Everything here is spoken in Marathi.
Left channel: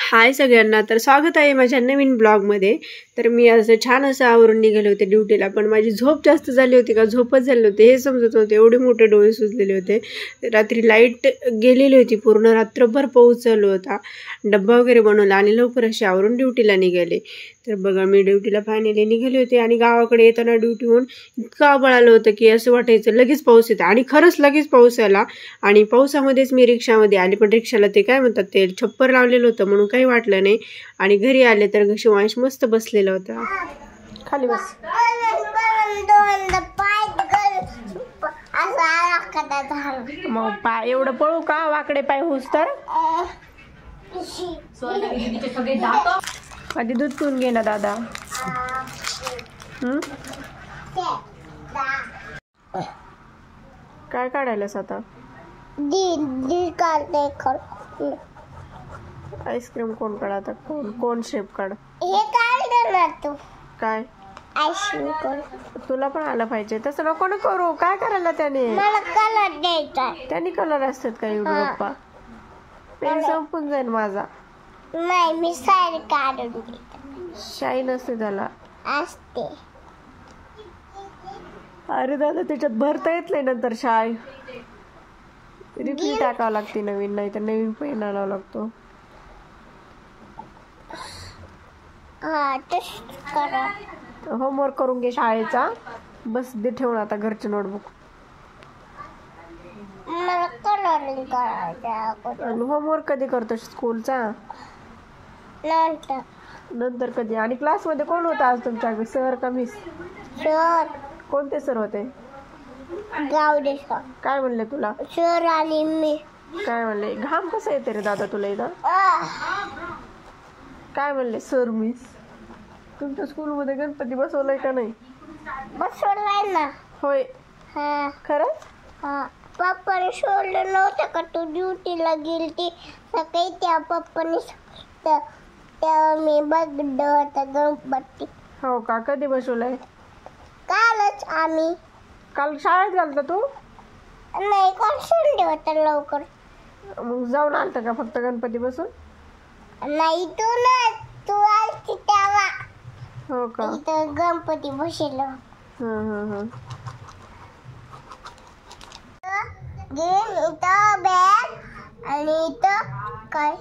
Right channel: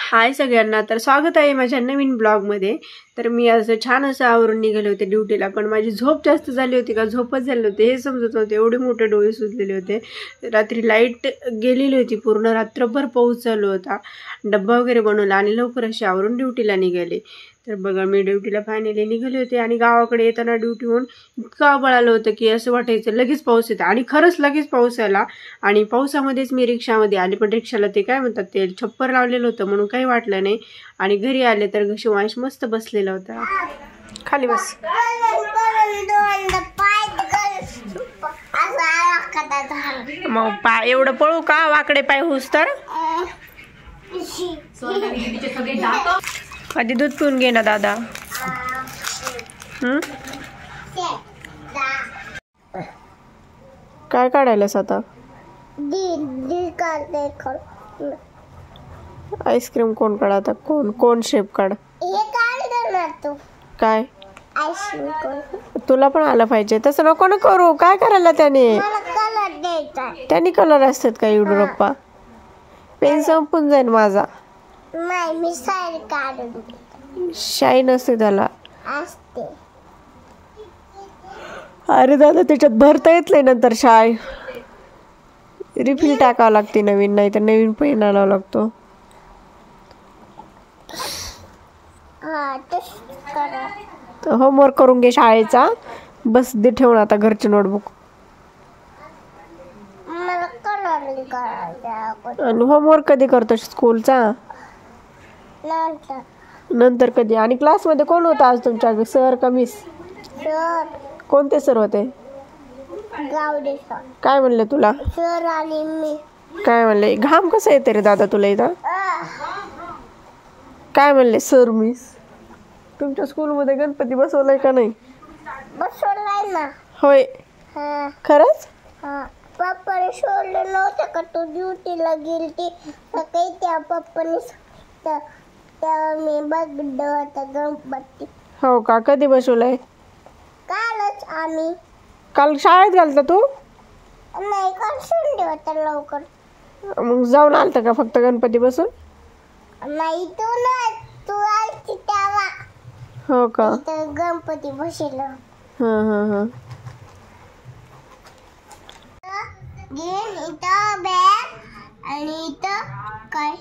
हाय सगळ्यांना, तर स्वागत आहे माझ्या नवीन ब्लॉगमध्ये. तर मी असं छान असं आवरून निघाले होते ड्युटीला, पण माझी झोप जास्त झाली होती का झोपच झाले होते हे समजत नव्हते. एवढे मोठे डोळे सुजलेले होते. रात्री लाईट गेलेली होती, पूर्ण रात्रभर पाऊस चालू होता. डब्बा वगैरे बनवला आणि लवकर अशी आवरून ड्युटीला निघाले. तर बघा मी ड्युटीला फायनली निघाले होते आणि गावाकडे येताना ड्युटीहून इतकं आभाळ आलं होतं की असं वाटायचं लगेच पाऊस येतं. आणि खरंच लगेच पाऊस आला आणि पावसामध्येच मी रिक्षामध्ये आले. पण रिक्षाला ते काय म्हणतात ते छप्पर लावलेलं होतं म्हणून काही वाटलं नाही. आणि घरी आले तर शिवांश मस्त बसलेला होता. खाली बस. मग पाय एवढं पळू का वाकडे पाय होस तर. आधी दूध पिऊन घे ना दादा. काय काढायलास आता? आईस्क्रीम कोण काढ आता? कोण शेप काढ. काय तुला पण आलं पाहिजे तसं नको ना करू. काय करायला त्याने कलर असतात का? युडूप्पा पेन संपून जाईल माझा. नाही मी साडी काढून शाईन असते त्याला. असते. अरे दादा त्याच्यात भरता येत नाही नंतर शाई. रिफिल टाकावं लागते नवीन, नाही तर नवीन पेन आणावा लागतो. होमवर्क करून घे शाळेचा. बस दे ठेवून आता घरची नोटबुक. मला कलरिंग करायचं. आणि होमवर्क कधी करतो स्कूलचा? नंतर कधी? आणि क्लासमध्ये कोण होता आज तुमच्या? सर का मिस? सर. कोणते सर होते? गावडे सर. काय म्हणले तुला? सर आणि मी. काय म्हणले? घाम कसं येते रे दादा तुला इथं? काय म्हणले सर मिस? तुमच्या स्कूलमध्ये गणपती बसवलाय का नाही? बसवलाय ना. होय खरंच? पप्पाने सोडलं नव्हतं का तू ड्युटीला गेलती सकाळी? त्या पप्पाने तेव्हा मी बघितलं होतं गणपती. हो का? कधी बसवलंय? कालच आम्ही. काल शाळेत घालता तू? नाही काल संडे होता लवकर. मग जाऊन आलता का फक्त गणपती बसून? नाही तू आलती तेव्हा. हो का? इथं गणपती बसवलं. इथं बॅग आणि इथं काय